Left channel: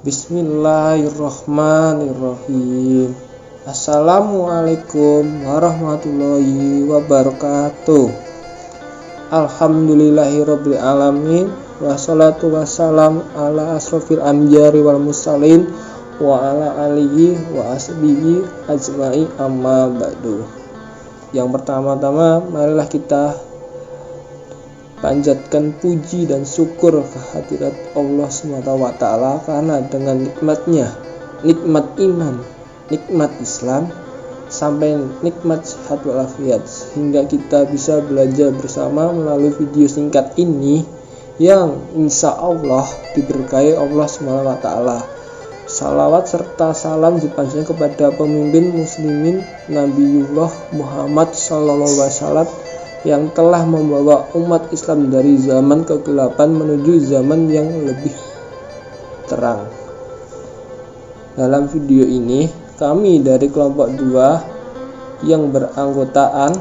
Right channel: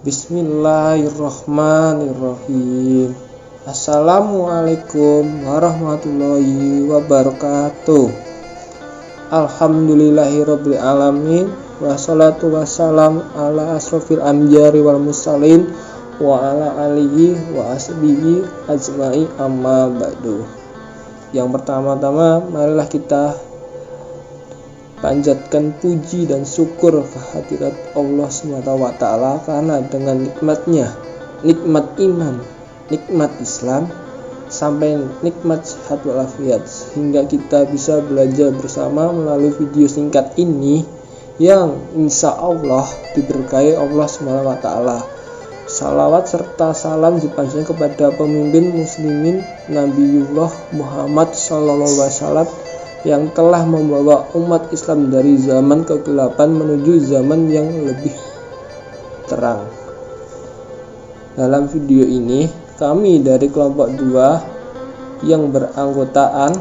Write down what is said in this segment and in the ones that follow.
Bismillahirrahmanirrahim. Assalamualaikum warahmatullahi wabarakatuh. Alhamdulillahirabbil alamin, wassalatu wassalam ala asrofil anbiya'i wal mursalin wa ala alihi wa asbihi ajma'i amma ba'du. Yang pertama-tama, marilah kita panjatkan puji dan syukur kehadirat Allah SWT, karena dengan nikmatnya, nikmat iman, nikmat Islam, sampai nikmat sehat walafiat, sehingga kita bisa belajar bersama melalui video singkat ini yang insya Allah diberkahi Allah SWT. Salawat serta salam dipanjatkan kepada pemimpin muslimin Nabiullah Muhammad SAW yang telah membawa umat Islam dari zaman kegelapan menuju zaman yang lebih terang. Dalam video ini, kami dari kelompok 2 yang beranggotaan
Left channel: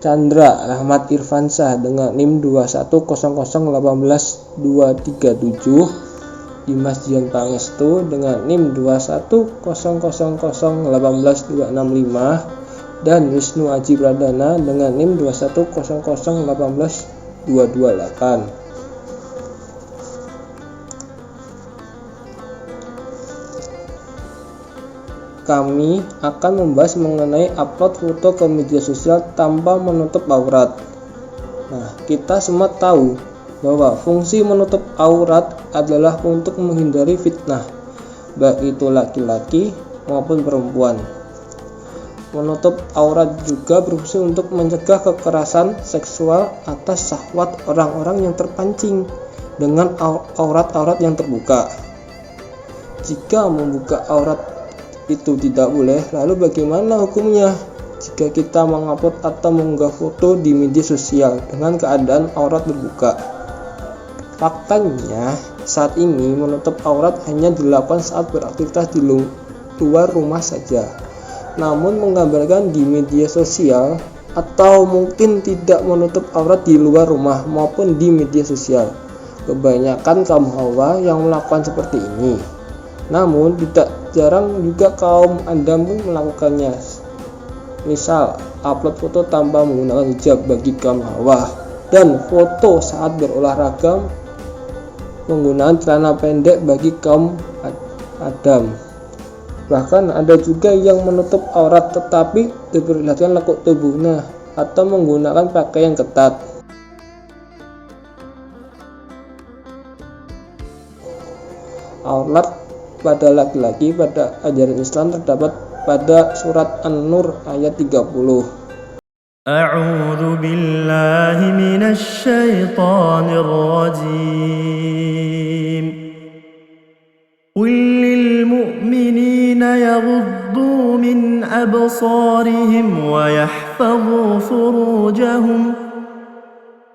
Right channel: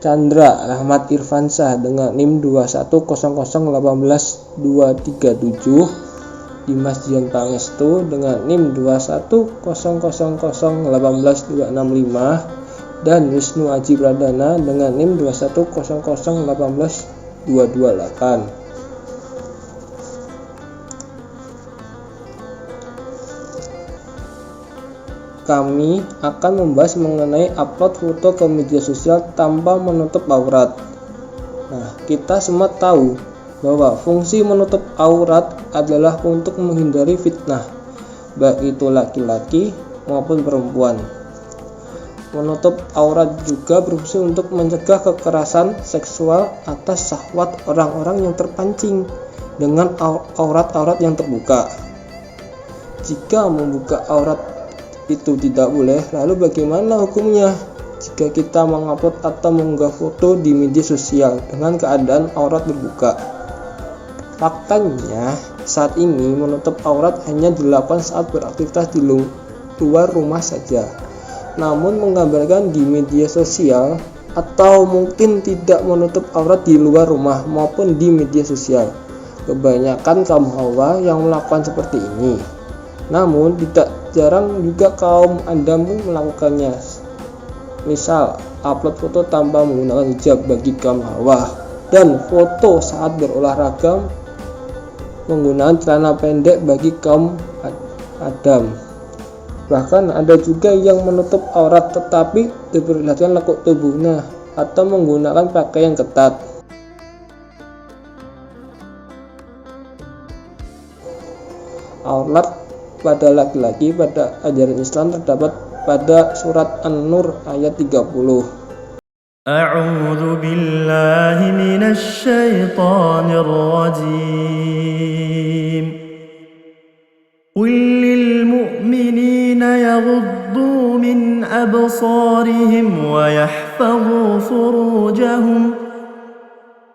Chandra Ahmad Irfansyah dengan NIM 210018237, Dimas Dian Pangestu dengan NIM 21000018265, dan Wisnu Aji Pradana dengan NIM 210018228. Kami akan membahas mengenai upload foto ke media sosial tanpa menutup aurat. Nah, kita semua tahu bahwa fungsi menutup aurat adalah untuk menghindari fitnah, baik itu laki-laki maupun perempuan. Menutup aurat juga berfungsi untuk mencegah kekerasan seksual atas syahwat orang-orang yang terpancing dengan aurat-aurat yang terbuka. Jika membuka aurat itu tidak boleh, lalu bagaimana hukumnya jika kita mengupload atau mengunggah foto di media sosial dengan keadaan aurat terbuka? Faktanya, saat ini menutup aurat hanya dilakukan saat beraktivitas di luar rumah saja. Namun menggambarkan di media sosial atau mungkin tidak menutup aurat di luar rumah maupun di media sosial. Kebanyakan kaum hawa yang melakukan seperti ini. Namun tidak jarang juga kaum Adam pun melakukannya. Misal, upload foto tanpa menggunakan hijab bagi kaum hawa, dan foto saat berolahraga menggunakan celana pendek bagi kaum Adam. Bahkan ada juga yang menutup aurat tetapi diperlihatkan lekuk tubuhnya atau menggunakan pakaian ketat. Aurat pada laki-laki pada ajaran Islam terdapat pada surat An-Nur ayat 30. A'udzu billahi minasy syaithanir rajim. قل للمؤمنين يغضوا من أبصارهم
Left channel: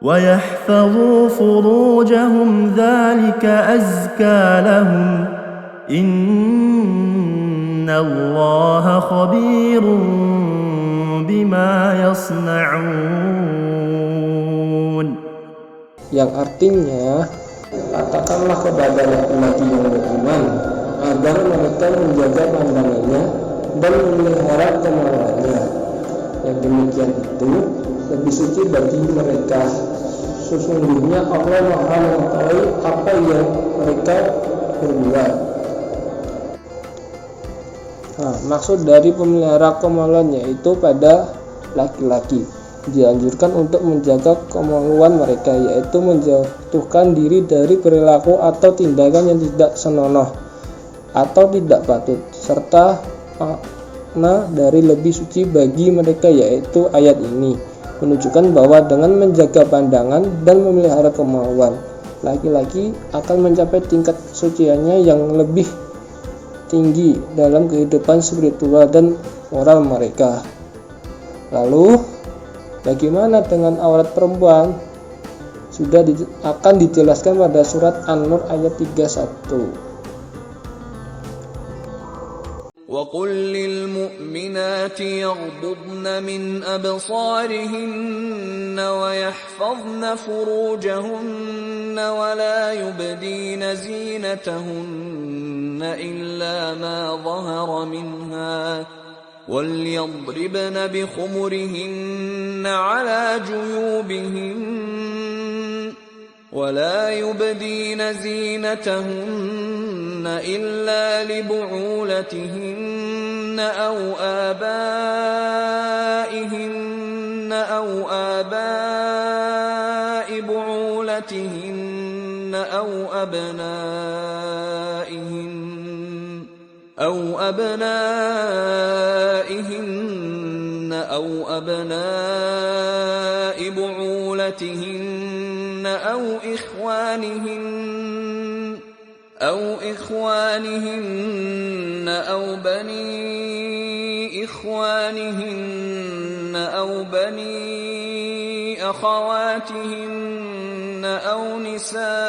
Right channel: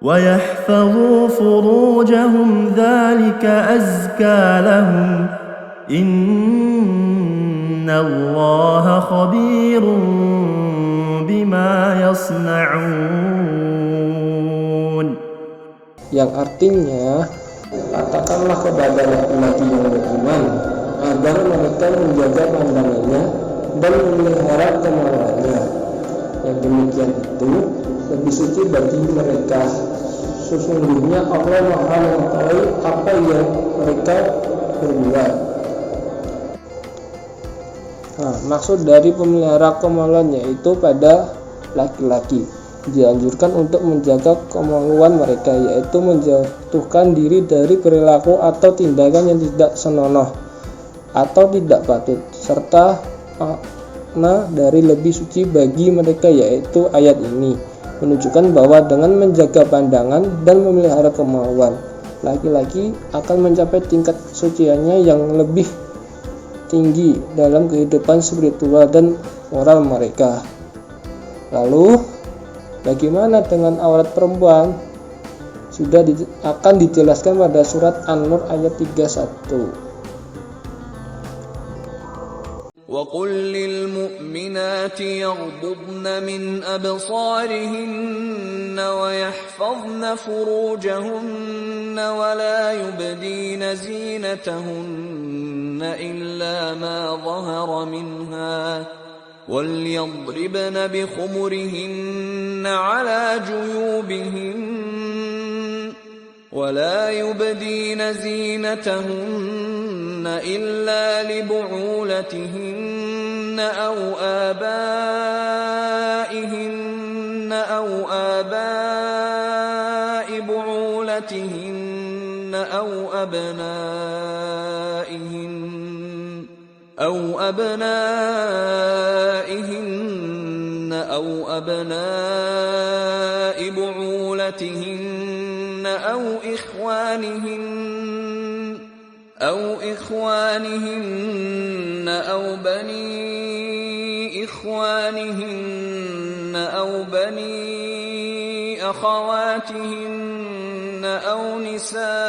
ويحفظوا فروجهم ذلك أزكى لهم إن الله خبير بما يصنعون. Yang artinya, katakanlah kepada laki-laki yang beriman agar mereka menjaga pandangannya dan memelihara kemaluannya. Yang demikian itu lebih suci bagi mereka. Sesungguhnya Allah Maha mengetahui apa yang mereka berbuat. Maksud dari pemelihara kemaluan yaitu pada laki-laki dianjurkan untuk menjaga kemaluan mereka, yaitu menjauhkan diri dari perilaku atau tindakan yang tidak senonoh atau tidak patut, serta makna dari lebih suci bagi mereka, yaitu ayat ini menunjukkan bahwa dengan menjaga pandangan dan memelihara kemaluan, laki-laki akan mencapai tingkat kesuciannya yang lebih tinggi dalam kehidupan spiritual dan moral mereka. Lalu bagaimana dengan aurat perempuan? Sudah akan dijelaskan pada surat An-Nur ayat 31. وقل للمؤمنات يغضضن من أبصارهن ويحفظن فروجهن ولا يبدين زينتهن إلا ما ظهر منها وليضربن بخمرهن على جيوبهن ولا يبدين زينتهن إلا لبعولتهن أو آباء بعولتهن أو أبناء بعولتهن أو إخوانهن أو بني إخوانهن أو بني أخواتهن أو نسائهن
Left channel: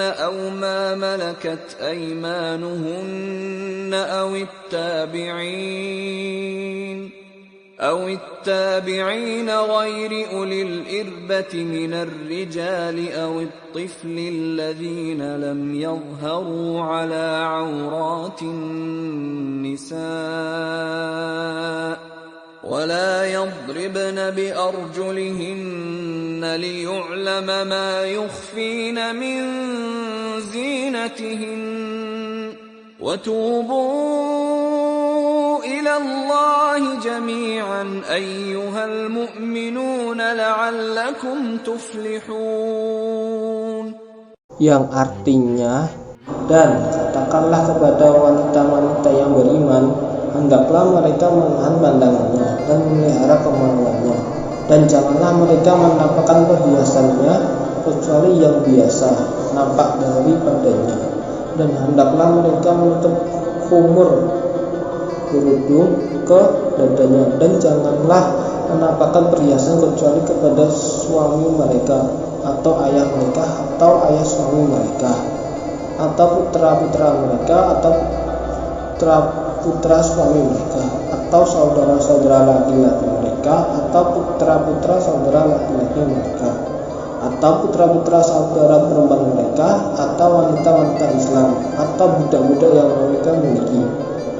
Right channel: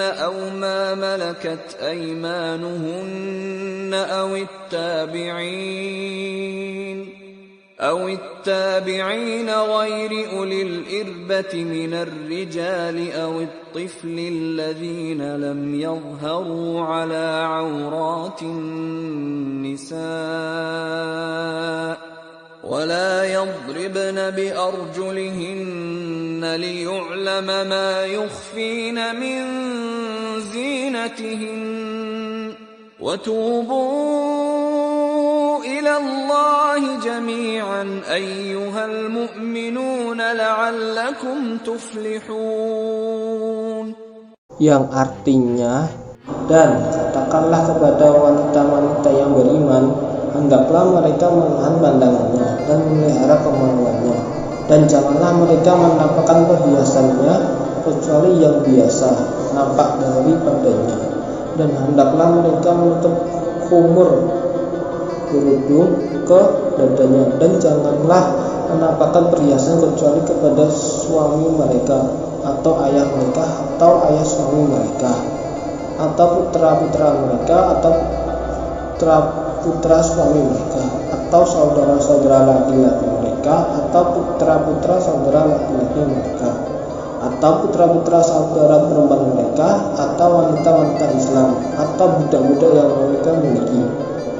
أو ما ملكت أيمانهن أو التابعين غير أولي الإربة من الرجال أو الطفل الذين لم يظهروا على عورات النساء ولا يضربن بأرجلهن ليعلم ما يخفين من زينتهن وتوبوا إلى الله جميعا أيها المؤمنون لعلكم تفلحون. Yang artinya, dan katakanlah kepada wanita-wanita yang beriman, hendaklah mereka menahan pandangannya dan memelihara kemaluannya, dan janganlah mereka menampakkan perhiasannya kecuali yang biasa nampak daripadanya, dan hendaklah mereka menutup khumur kerudung ke dadanya, dan janganlah menampakkan perhiasan kecuali kepada suami mereka atau ayah mereka atau ayah suami mereka atau putra-putra mereka atau putra suami mereka atau saudara-saudara laki-laki mereka atau putra-putra saudara laki-laki mereka atau putra-putra saudara perempuan mereka atau wanita-wanita Islam atau budak-budak yang mereka miliki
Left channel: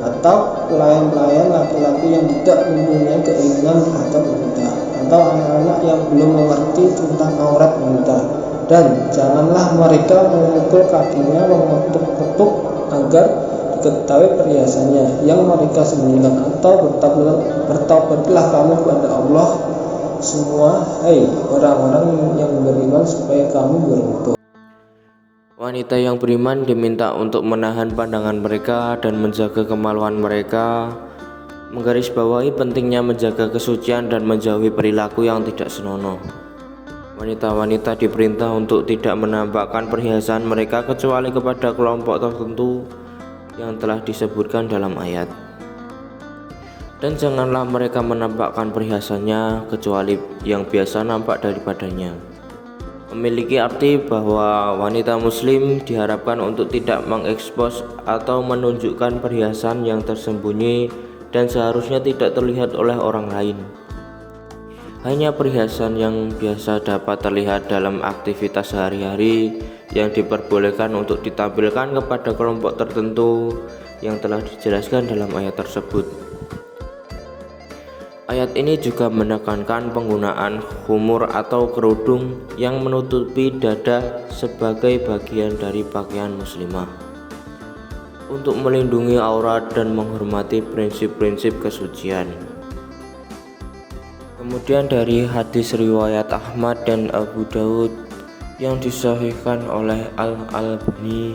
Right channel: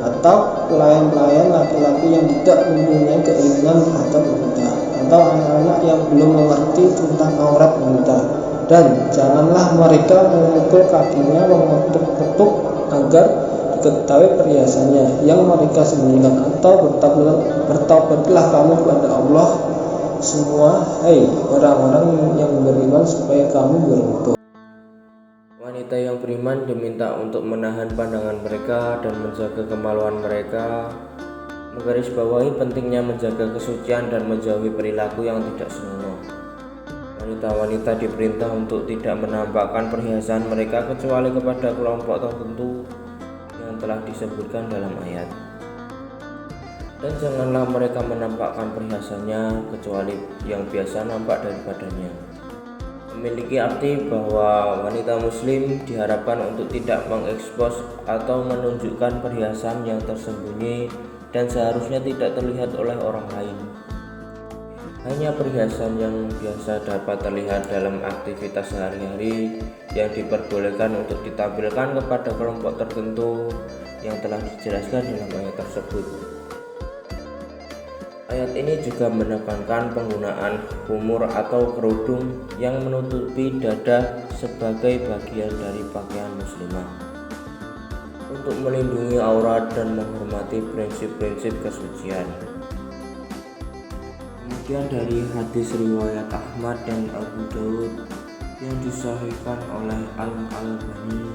atau pelayan-pelayan laki-laki yang tidak mempunyai keinginan terhadap wanita atau anak-anak yang belum mengerti tentang aurat wanita, dan janganlah mereka memukul kakinya mengetuk-ketuk agar diketahui perhiasannya yang mereka sembunyikan, atau bertaubatlah kamu kepada Allah semua, hai orang-orang yang beriman, supaya kamu beruntung. Wanita yang beriman diminta untuk menahan pandangan mereka dan menjaga kemaluan mereka, menggarisbawahi pentingnya menjaga kesucian dan menjauhi perilaku yang tidak senonoh. Wanita-wanita diperintah untuk tidak menampakkan perhiasan mereka kecuali kepada kelompok tertentu yang telah disebutkan dalam ayat. Dan janganlah mereka menampakkan perhiasannya kecuali yang biasa nampak daripadanya. Memiliki arti bahwa wanita muslim diharapkan untuk tidak mengekspos atau menunjukkan perhiasan yang tersembunyi dan seharusnya tidak terlihat oleh orang lain. Hanya perhiasan yang biasa dapat terlihat dalam aktivitas sehari-hari yang diperbolehkan untuk ditampilkan kepada kelompok tertentu yang telah dijelaskan dalam ayat tersebut. Ayat ini juga menekankan penggunaan khumur atau kerudung yang menutupi dada sebagai bagian dari pakaian muslimah untuk melindungi aurat dan menghormati prinsip-prinsip kesucian. Kemudian dari hadis riwayat Ahmad dan Abu Daud yang disahihkan oleh Al-Albani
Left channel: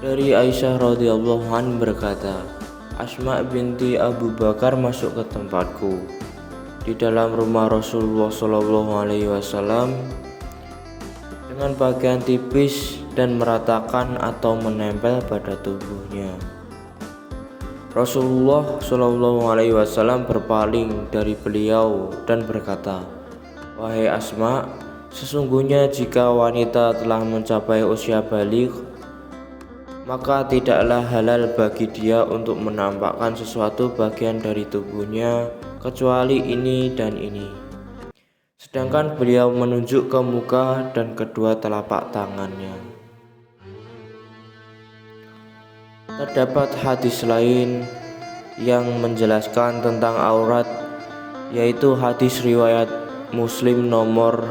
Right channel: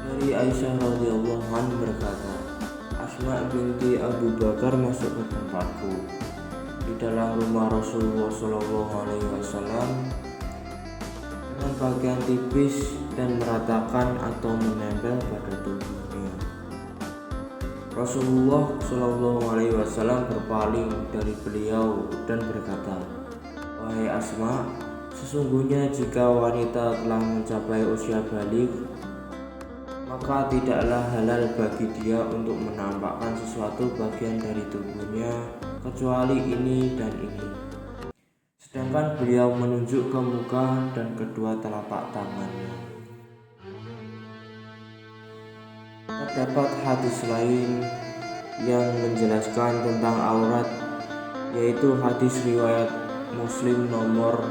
dari Aisyah radhiyallahu anha berkata, Asma binti Abu Bakar masuk ke tempatku di dalam rumah Rasulullah SAW dengan pakaian tipis dan meratakan atau menempel pada tubuhnya. Rasulullah SAW berpaling dari beliau dan berkata, "Wahai Asma, Sesungguhnya jika wanita telah mencapai usia baligh, maka tidaklah halal bagi dia untuk menampakkan sesuatu bagian dari tubuhnya kecuali ini dan ini. Sedangkan beliau menunjuk ke muka dan kedua telapak tangannya. Terdapat hadis lain yang menjelaskan tentang aurat, yaitu hadis riwayat Muslim nomor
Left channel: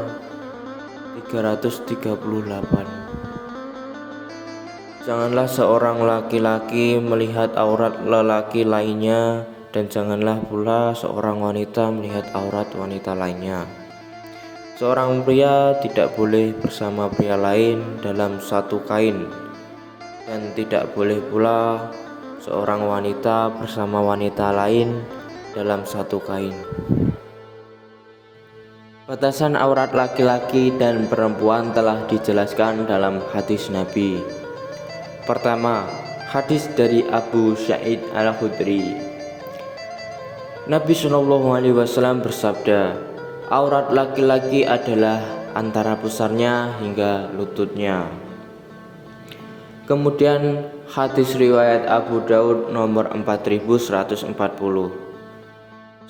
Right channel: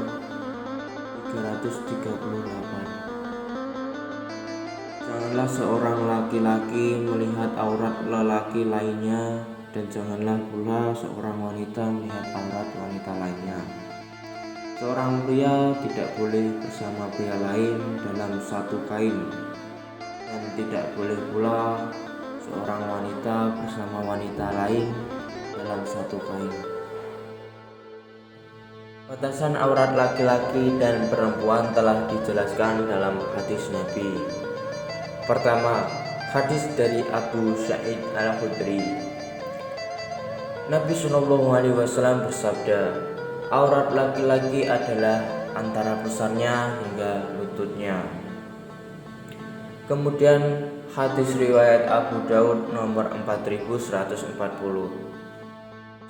338. Janganlah seorang laki-laki melihat aurat lelaki lainnya, dan janganlah pula seorang wanita melihat aurat wanita lainnya. Seorang pria tidak boleh bersama pria lain dalam satu kain, dan tidak boleh pula seorang wanita bersama wanita lain dalam satu kain. Batasan aurat laki-laki dan perempuan telah dijelaskan dalam hadis Nabi. Pertama, hadis dari Abu Sa'id Al-Khudri. Nabi SAW bersabda, aurat laki-laki adalah antara pusarnya hingga lututnya. Kemudian hadis riwayat Abu Daud nomor 4140.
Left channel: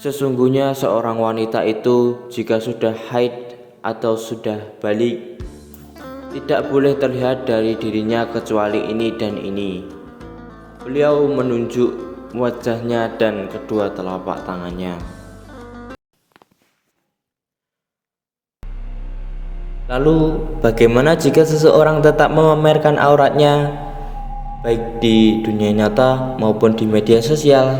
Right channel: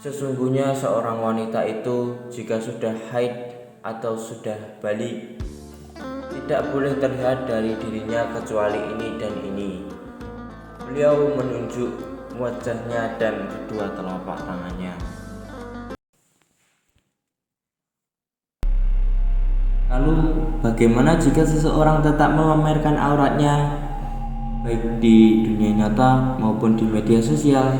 Sesungguhnya seorang wanita itu jika sudah haid atau sudah balik, tidak boleh terlihat dari dirinya kecuali ini dan ini. Beliau menunjuk wajahnya dan kedua telapak tangannya. Lalu bagaimana jika seseorang tetap memamerkan auratnya baik di dunia nyata maupun di media sosial?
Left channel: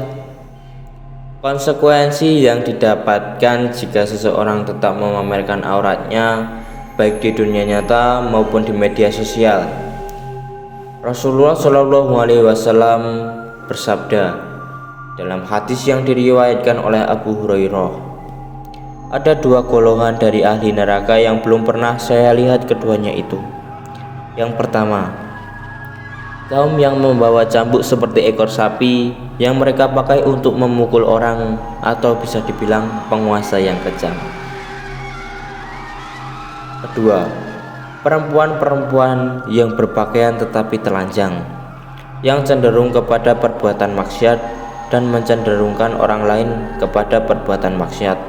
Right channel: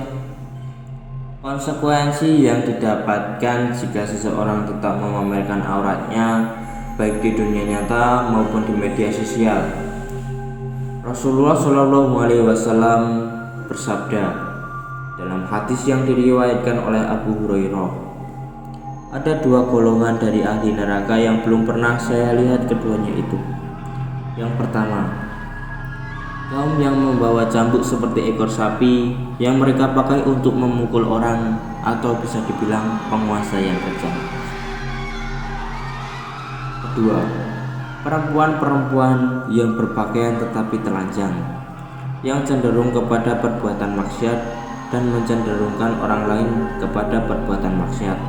Konsekuensi yang didapatkan jika seseorang tetap memamerkan auratnya baik di dunia nyata maupun di media sosial. Rasulullah SAW bersabda dalam hadis yang diriwayatkan oleh Abu Hurairah, ada dua golongan dari ahli neraka yang belum pernah saya lihat keduanya itu. Yang pertama, kaum yang membawa cambuk seperti ekor sapi yang mereka pakai untuk memukul orang, atau bisa dibilang penguasa yang kejam. Kedua, perempuan-perempuan yang berpakaian tetapi telanjang, yang cenderung kepada perbuatan maksiat dan mencenderungkan orang lain kepada perbuatan maksiat.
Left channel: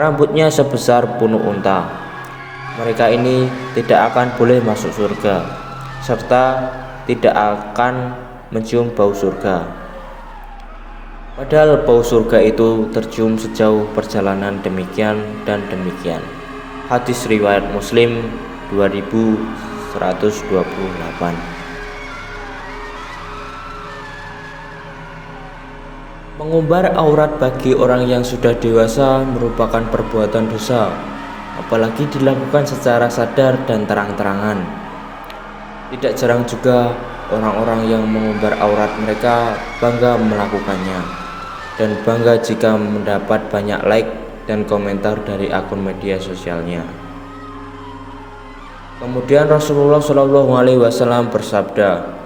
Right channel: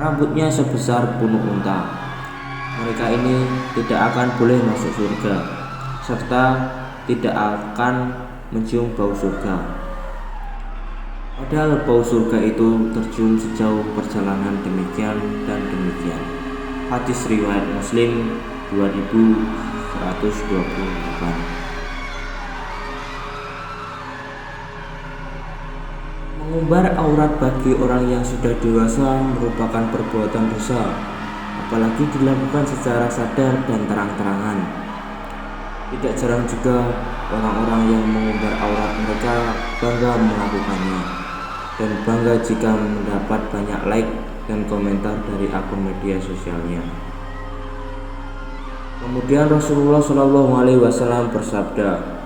Rambutnya sebesar punuk unta. Mereka ini tidak akan boleh masuk surga, serta tidak akan mencium bau surga. Padahal bau surga itu tercium sejauh perjalanan demikian dan demikian. Hadis riwayat Muslim 2128. Mengumbar aurat bagi orang yang sudah dewasa merupakan perbuatan dosa, apalagi dilakukan secara sadar dan terang-terangan. Tidak jarang juga orang-orang yang mengumbar aurat mereka bangga melakukannya, dan bangga jika mendapat banyak like dan komentar dari akun media sosialnya. Kemudian Rasulullah SAW bersabda,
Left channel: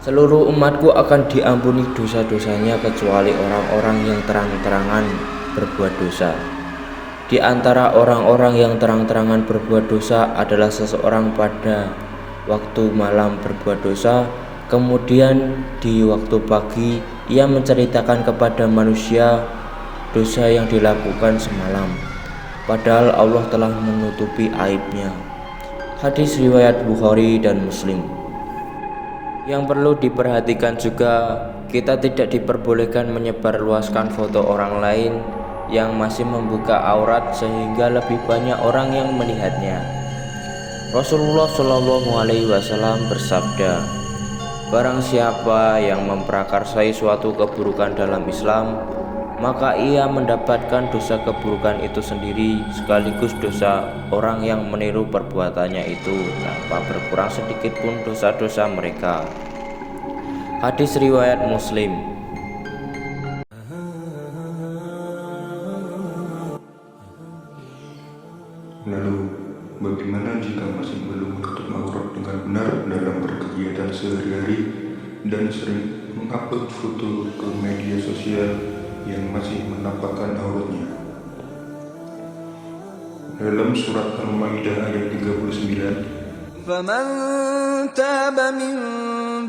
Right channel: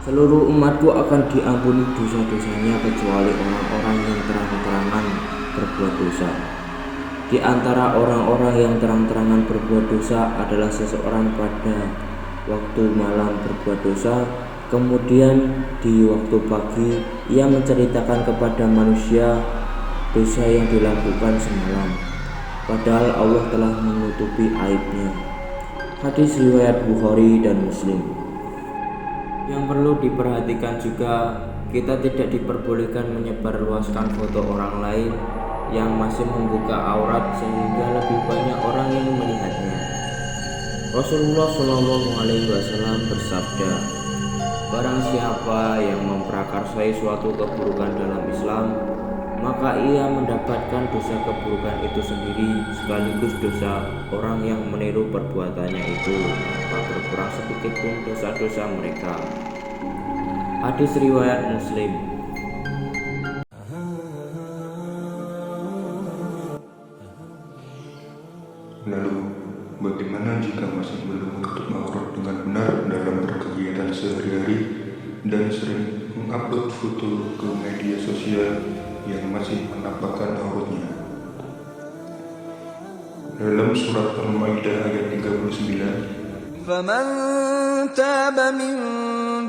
seluruh umatku akan diampuni dosa-dosanya kecuali orang-orang yang terang-terangan berbuat dosa. Di antara orang-orang yang terang-terangan berbuat dosa adalah seseorang pada waktu malam berbuat dosa, kemudian di waktu pagi ia menceritakan kepada manusia dosa yang dilakukan semalam, padahal Allah telah menutupi aibnya. Hadis riwayat Bukhari dan Muslim. Yang perlu diperhatikan juga, kita tidak diperbolehkan menyebarluaskan foto orang lain yang masih membuka aurat sehingga lebih banyak orang yang melihatnya. Rasulullah SAW bersabda, barang siapa yang memprakarsai suatu keburukan dalam Islam, maka ia mendapatkan dosa keburukan itu sendiri sekaligus dosa orang yang meniru perbuatannya itu, tanpa berkurang sedikit pun dosa-dosa mereka. Hadis riwayat Muslim. Lalu, bagaimana jika masih belum menutup aurat dengan benar dalam berkegiatan sehari-hari dan sering mengupload foto ke media sosial yang masih menampakkan auratnya? dalam surat Al-Maidah ayat 39. فمن تاب من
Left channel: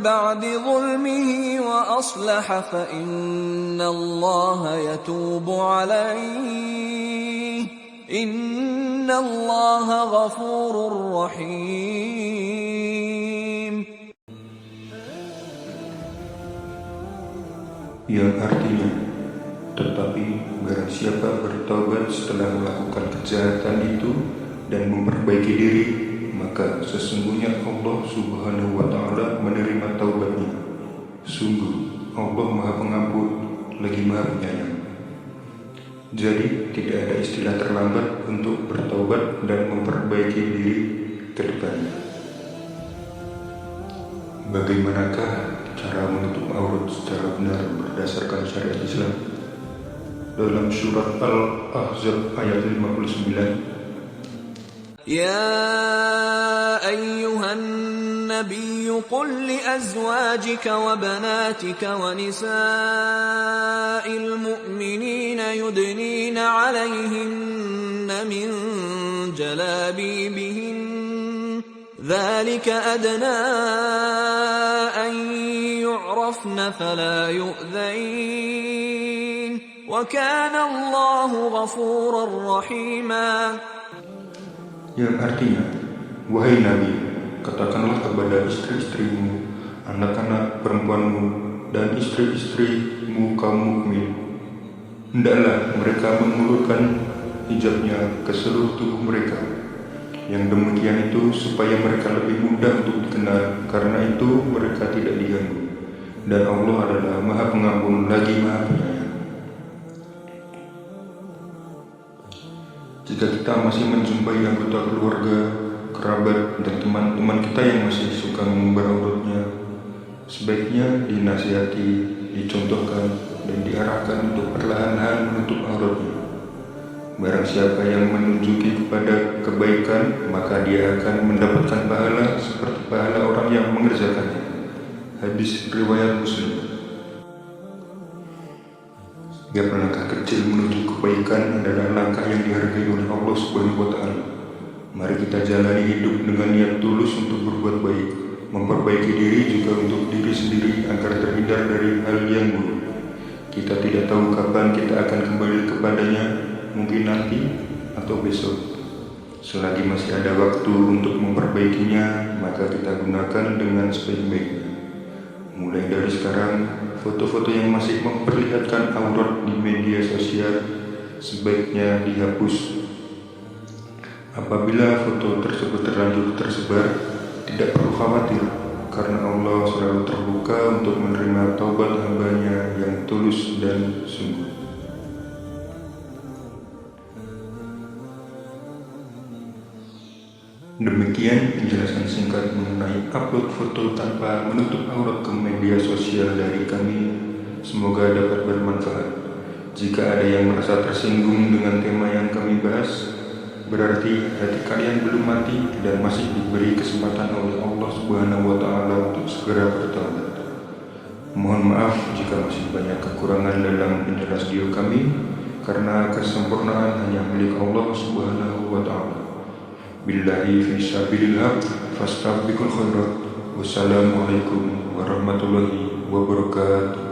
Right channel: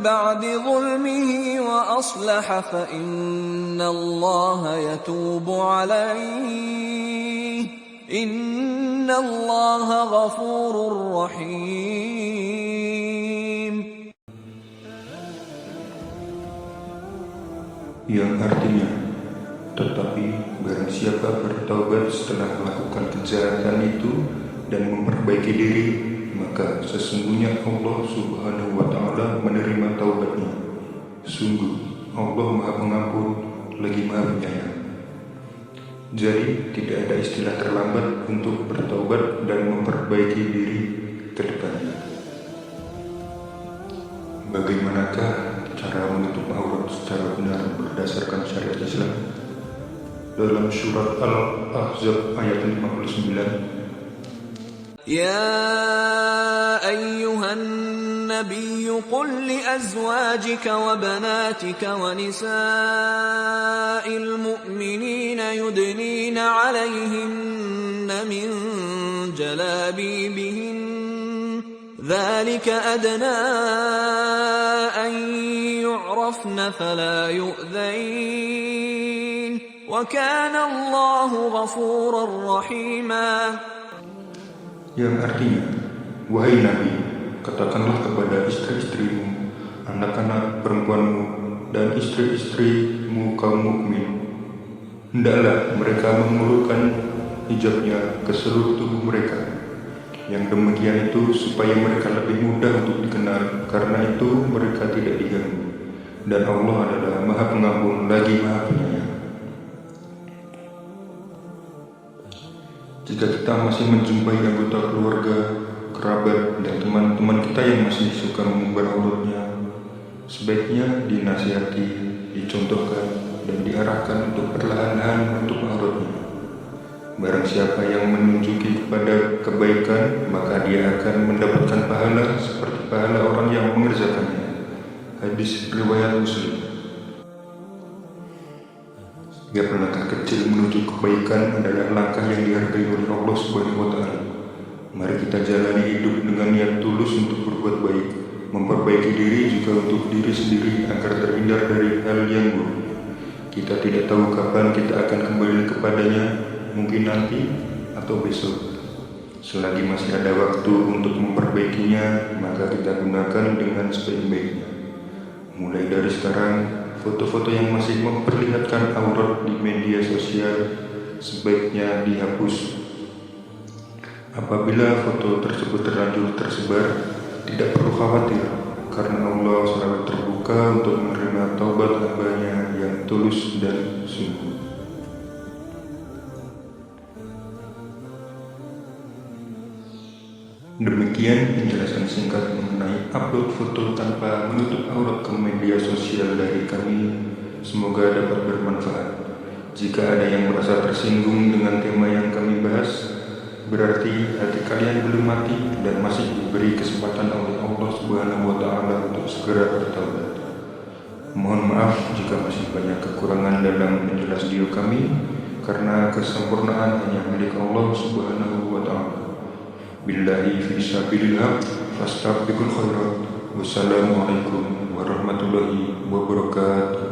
بعد ظلمه وأصلح فإن الله يتوب عليه إن الله غفور رحيم. Yang artinya, tetapi barang siapa bertaubat setelah melakukan kejahatan itu dan memperbaiki diri, maka sesungguhnya Allah Subhanahu wa Ta'ala menerima taubatnya. Sungguh Allah Maha Pengampun lagi Maha Penyayang. Jadi tidak ada istilah terlambat untuk bertaubat dan memperbaiki diri ke depannya. Bagaimanakah cara menutup aurat secara benar berdasarkan syariat Islam? Dalam surat Al-Ahzab ayat 59, يا أيها النبي قل لأزواجك وبناتك ونساء المؤمنين يدنين عليهن من جلابيبهن ذلك أدنى أن يعرفن فلا يؤذين وكان الله غفورا رحيما. yang artinya, wahai Nabi, katakanlah kepada istri-istrimu, anak-anak perempuanmu, dan istri-istrimu kaum mukmin, hendaklah mereka mengulurkan hijabnya ke seluruh tubuh mereka. Yang demikian itu supaya mereka lebih mudah untuk dikenal, karena itu mereka tidak diganggu. Dan Allah adalah Maha Pengampun lagi Maha Penyayang. Jika kita masih menjumpai anggota keluarga, kerabat, dan teman-teman kita yang masih suka mengumbar auratnya, sebaiknya dinasihati, dicontohkan, dan diarahkan untuk perlahan-lahan menutup auratnya. Barang siapa yang menunjuki kepada kebaikan, maka dia akan mendapatkan pahala seperti pahala orang yang mengerjakannya. Hadis riwayat Muslim. Setiap langkah kecil menuju kebaikan adalah langkah yang dihargai oleh Allah Subhanahu wa Ta'ala. Mari kita jalani hidup dengan niat tulus untuk berbuat baik, memperbaiki diri juga untuk diri sendiri agar terhindar dari hal yang buruk. Kita tidak tahu kapan kita akan kembali kepadanya, mungkin nanti atau besok. Selagi masih ada waktu untuk memperbaikinya, maka kita gunakan dengan sebaik-baiknya. Mulai dari sekarang, foto-foto yang masih memperlihatkan aurat di media sosial sebaiknya dihapus. Apabila foto tersebut terlanjur tersebar, tidak perlu khawatir, karena Allah selalu terbuka untuk menerima taubat hamba-Nya yang tulus dan sungguh. Demikian penjelasan singkat mengenai upload foto tanpa menutup aurat ke media sosial dari kami. Semoga dapat bermanfaat. Jika ada yang merasa tersinggung dengan tema yang kami bahas, berarti hati kalian belum mati dan masih diberi kesempatan oleh Allah Subhanahu wa Ta'ala untuk segera bertaubat. Mohon maaf jika masih banyak kekurangan dalam penjelas video kami, karena kesempurnaan hanya milik Allah Subhanahu wa Ta'ala. Billahi fi sabilillah fastabiqul khairat. Wassalamualaikum warahmatullahi wabarakatuh.